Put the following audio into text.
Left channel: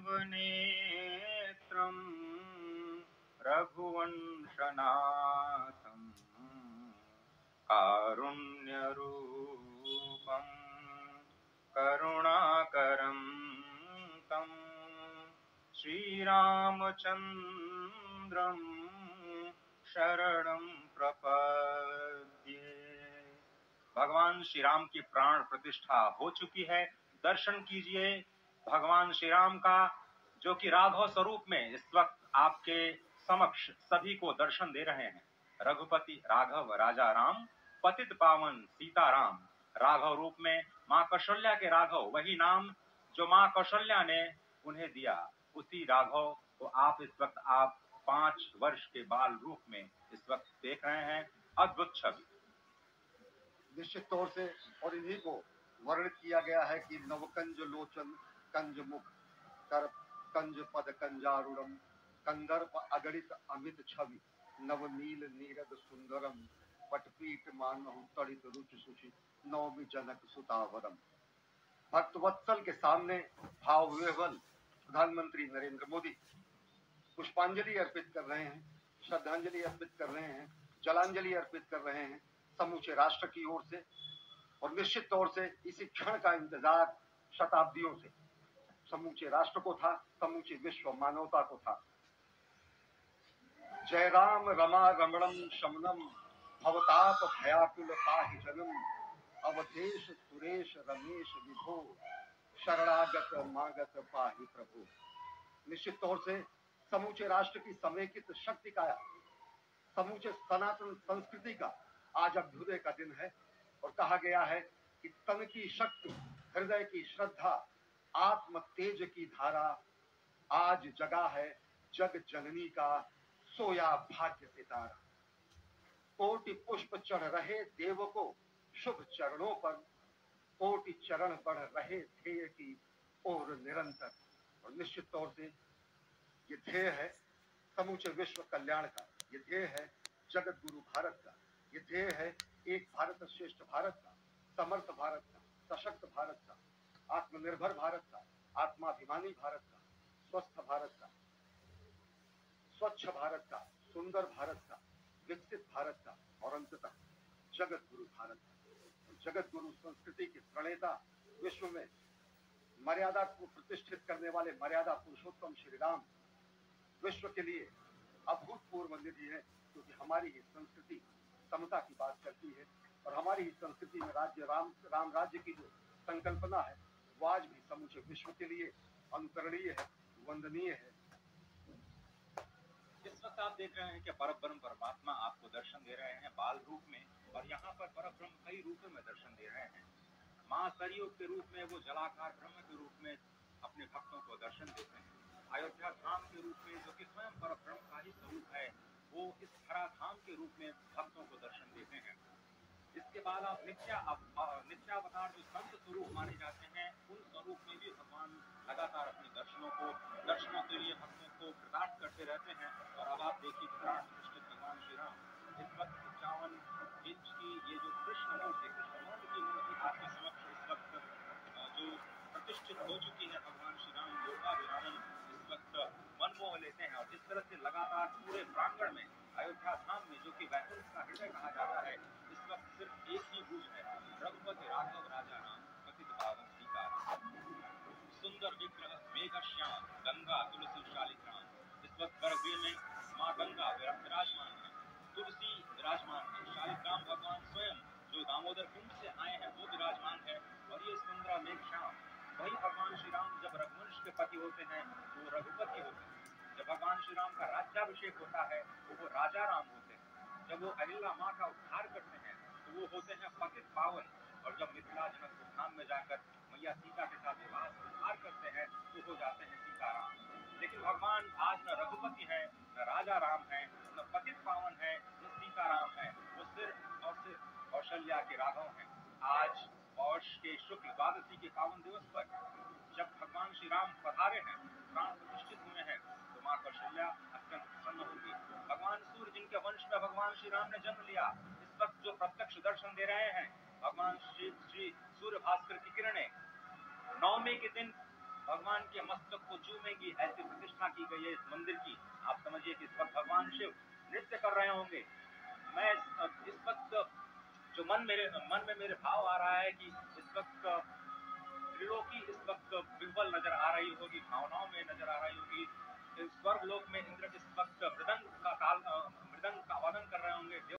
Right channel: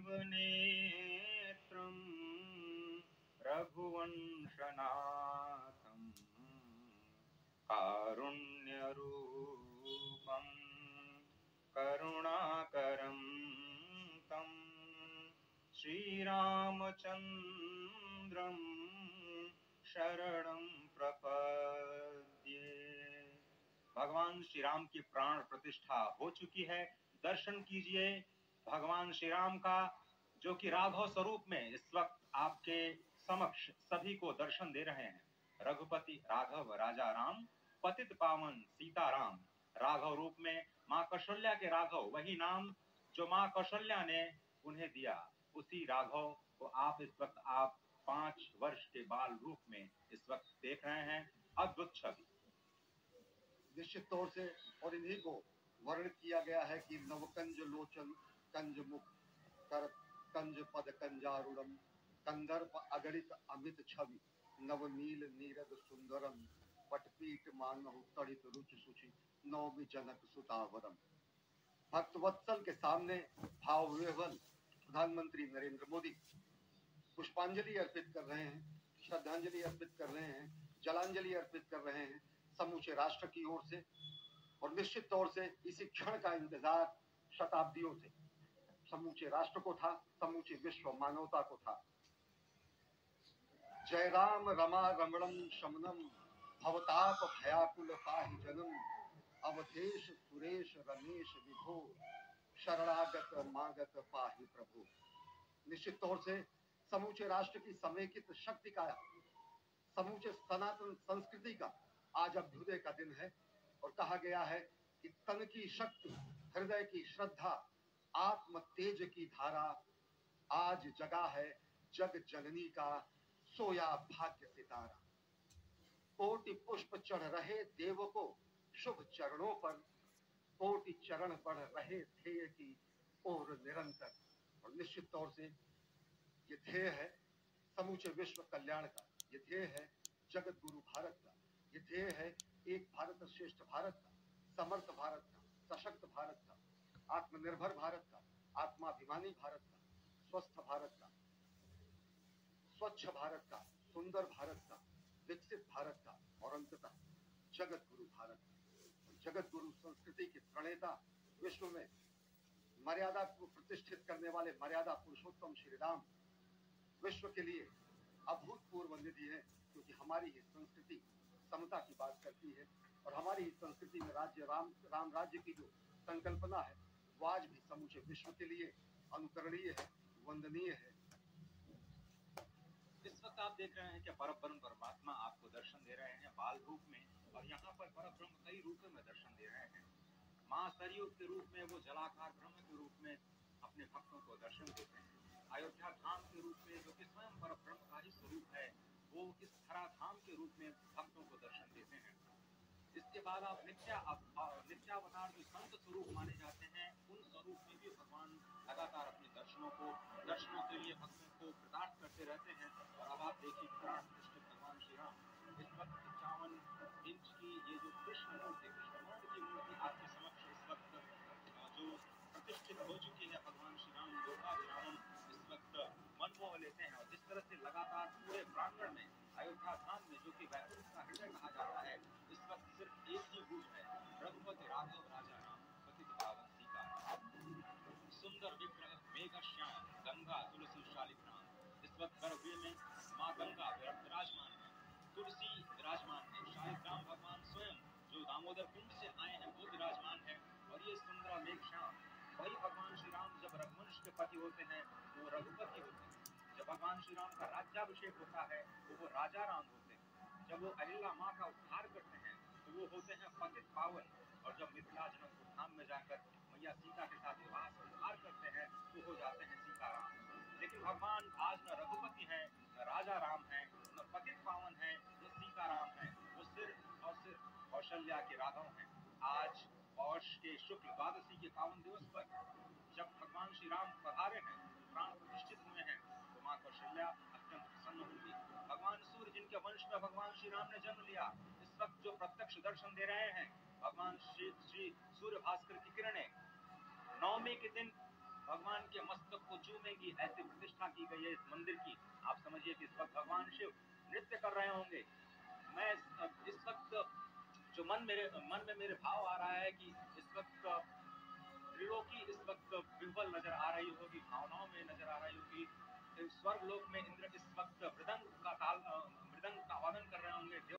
नेत्रम् रघुवंशनाथम् कारुण्यरूपम् करुणाकरं तं श्रीरामचन्द्रं शरणं प्रपद्ये। भगवान श्री राम की प्राण प्रतिष्ठा हो चुकी है। दर्शन कीजिए भगवान श्री राम का, जो कि राघव स्वरूप में इस वक्त आपके समक्ष सभी को दर्शन दे रहे हैं। रघुपति राघव राजा राम, पतित पावन सीताराम। राघव रूप में माँ कौशल्या के राघव, वही नाम जो माँ कौशल्या ने उन्हें दिया, उसी राघव को आप इस वक्त 5 वर्ष के बाल रूप में इस वक्त देख रहे हैं। अद्भुत छवि। निश्चित तौर से, और इन्हीं को वर्णित किया गया है कि नवकंज लोचन कंज मुख कर कंज पद कंजारुणम कंदर्प अगणित अमित छवि नवनील नीरद सुंदरम पटपीट मानहु तड़ित रुचि सुचि नवमी जनक सुतावरम। भक्तवत्सल के सामने भाव विह्वल प्रधानमंत्री नरेंद्र मोदी पुष्पांजलि अर्पित कर रहे हैं, श्रद्धांजलि अर्पित कर रहे हैं, जलांजलि अर्पित कर रहे हैं समूचे राष्ट्र की ओर से। और निश्चित तौर से इसी क्षण का इंतजार शताब्दियों से समूचे राष्ट्र को था, समूचे विश्व मानवता को था। जय राम रमा रमणम शमनम भवताप भयाकुल पाहि जनम अवधेश सुरेश रमेश विभो शरणागत मागत पाहि प्रभु। निश्चित तौर से समूचे राष्ट्र की समेकित शक्ति का, समूचे सनातन संस्कृति का आज अभ्युदय का दिन है। और कहा गया है कि तन की शक्ति, हृदय की श्रद्धा, आत्म तेज की धारा आज जगा है जग जननी का सोया भाग्य सितारा। कोटि पुष्प चढ़ रहे देव को शुभ चरणों पर, कोटि चरण बढ़ रहे ध्येय की ओर निरंतर। और निश्चित तौर से ये ध्येय है समूचे विश्व कल्याण का, ये ध्येय है जगत गुरु भारत का, ये ध्येय है एक भारत श्रेष्ठ भारत का, समर्थ भारत का, सशक्त भारत का, आत्मनिर्भर भारत का, आत्माभिमानी भारत का, स्वस्थ भारत का, स्वच्छ भारत का, सुंदर भारत का, विकसित भारत का, और अंततः जगत गुरु भारत का। जगत गुरु संस्कृति के प्रणेता, विश्व में मर्यादा को प्रतिष्ठित करने वाले मर्यादा पुरुषोत्तम श्री राम विश्व के लिए अभूतपूर्व निधि है, क्योंकि हमारी ही संस्कृति समता की बात करती है। और हमारी ही संस्कृति में राज्य राम राज्य की जो संकल्पना है वो आज भी समूचे विश्व के लिए अनुकरणीय है, वंदनीय है। इस वक्त आप देख रहे हैं कि परब्रह्म परमात्मा आपको दर्शन दे रहे हैं बाल रूप में, और यहाँ पर परब्रह्म कई रूपों में दर्शन दे रहे हैं। माँ सरयू के रूप में वो जलाकार ब्रह्म के रूप में अपने भक्तों को दर्शन देते हैं। अयोध्या धाम के रूप में, जो कि स्वयं परब्रह्म का ही स्वरूप है, वो इस धरा धाम के रूप में भक्तों को दर्शन देते हैं। इसके बाद आप नित्यावतार जो संत स्वरूप माने जाते हैं, उन स्वरूप में भी भगवान लगातार अपने दर्शनों के लिए भक्तों को प्रदान करते रहते हैं। और अब आप देखिए प्राण प्रतिष्ठित भगवान श्री राम इस वक्त 55 इंच की ये जो कृष्ण मूर्ति की मूर्ति आपके समक्ष इस वक्त जो प्रतिष्ठित हो चुकी है, भगवान श्री राम लोकाभिरामन इस वक्त मन मोह लेते हैं। और जिस तरह से लगातार पूरे प्रांगण में अयोध्या धाम में, जो कि वैकुंठ का हृदय कहा जाता है, इस वक्त सिर्फ एक ही गूंज है, रघुपति राघव राजा राम, पतित पावन सीताराम। सुंदर विग्रह मेघ श्याम गंगा तुलसी शालिग्राम। इस वक्त गर्भगृह में माँ गंगा विराजमान है, तुलसी विराजमान है, शालिग्राम भगवान स्वयं जो दामोदर कुंड से आए हैं वो विराजमान है। और ये सुंदर मेघ श्याम, वही भगवान श्री राम जब रघुवंश के पति होते हैं तो वो रघुपति होते हैं। जब भगवान श्री राम का राज्याभिषेक होता है तो वो राजा राम होते हैं। जब वो अहिल्या माँ का उद्धार करते हैं तो वो होते हैं पतित पावन। और जब मिथिला जनकपुर धाम में जाकर मैया सीता के साथ विवाह संस्कार करते हैं तो हो जाते हैं सीताराम। लेकिन भगवान आज न रघुपति है, न राजा राम है, न पतित पावन है, न सीताराम है, वो सिर्फ और सिर्फ कौशल्या के राघव हैं। आज पौष के शुक्ल द्वादशी के पावन दिवस पर जब भगवान श्री राम पधारे हैं, प्राण प्रतिष्ठित हुए हैं, तो माँ कौशल्या अत्यंत प्रसन्न होगी। भगवान सूर्य जिनके वंश में भगवान श्री राम ने जन्म लिया, इस वक्त जो प्रत्यक्ष दर्शन दे रहे हैं, भगवान श्री सूर्य भास्कर की किरणें नवमी के दिन भगवान के मस्तक को चूमेंगी। की गई है इस मंदिर की। आप समझिए कि इस वक्त भगवान शिव नृत्य कर रहे होंगे। मैं इस वक्त जो मन में मेरे भाव आ रहा है कि इस वक्त त्रिलोकी इस वक्त विह्वल नजर आ रही होगी, भावनाओं में नजर आ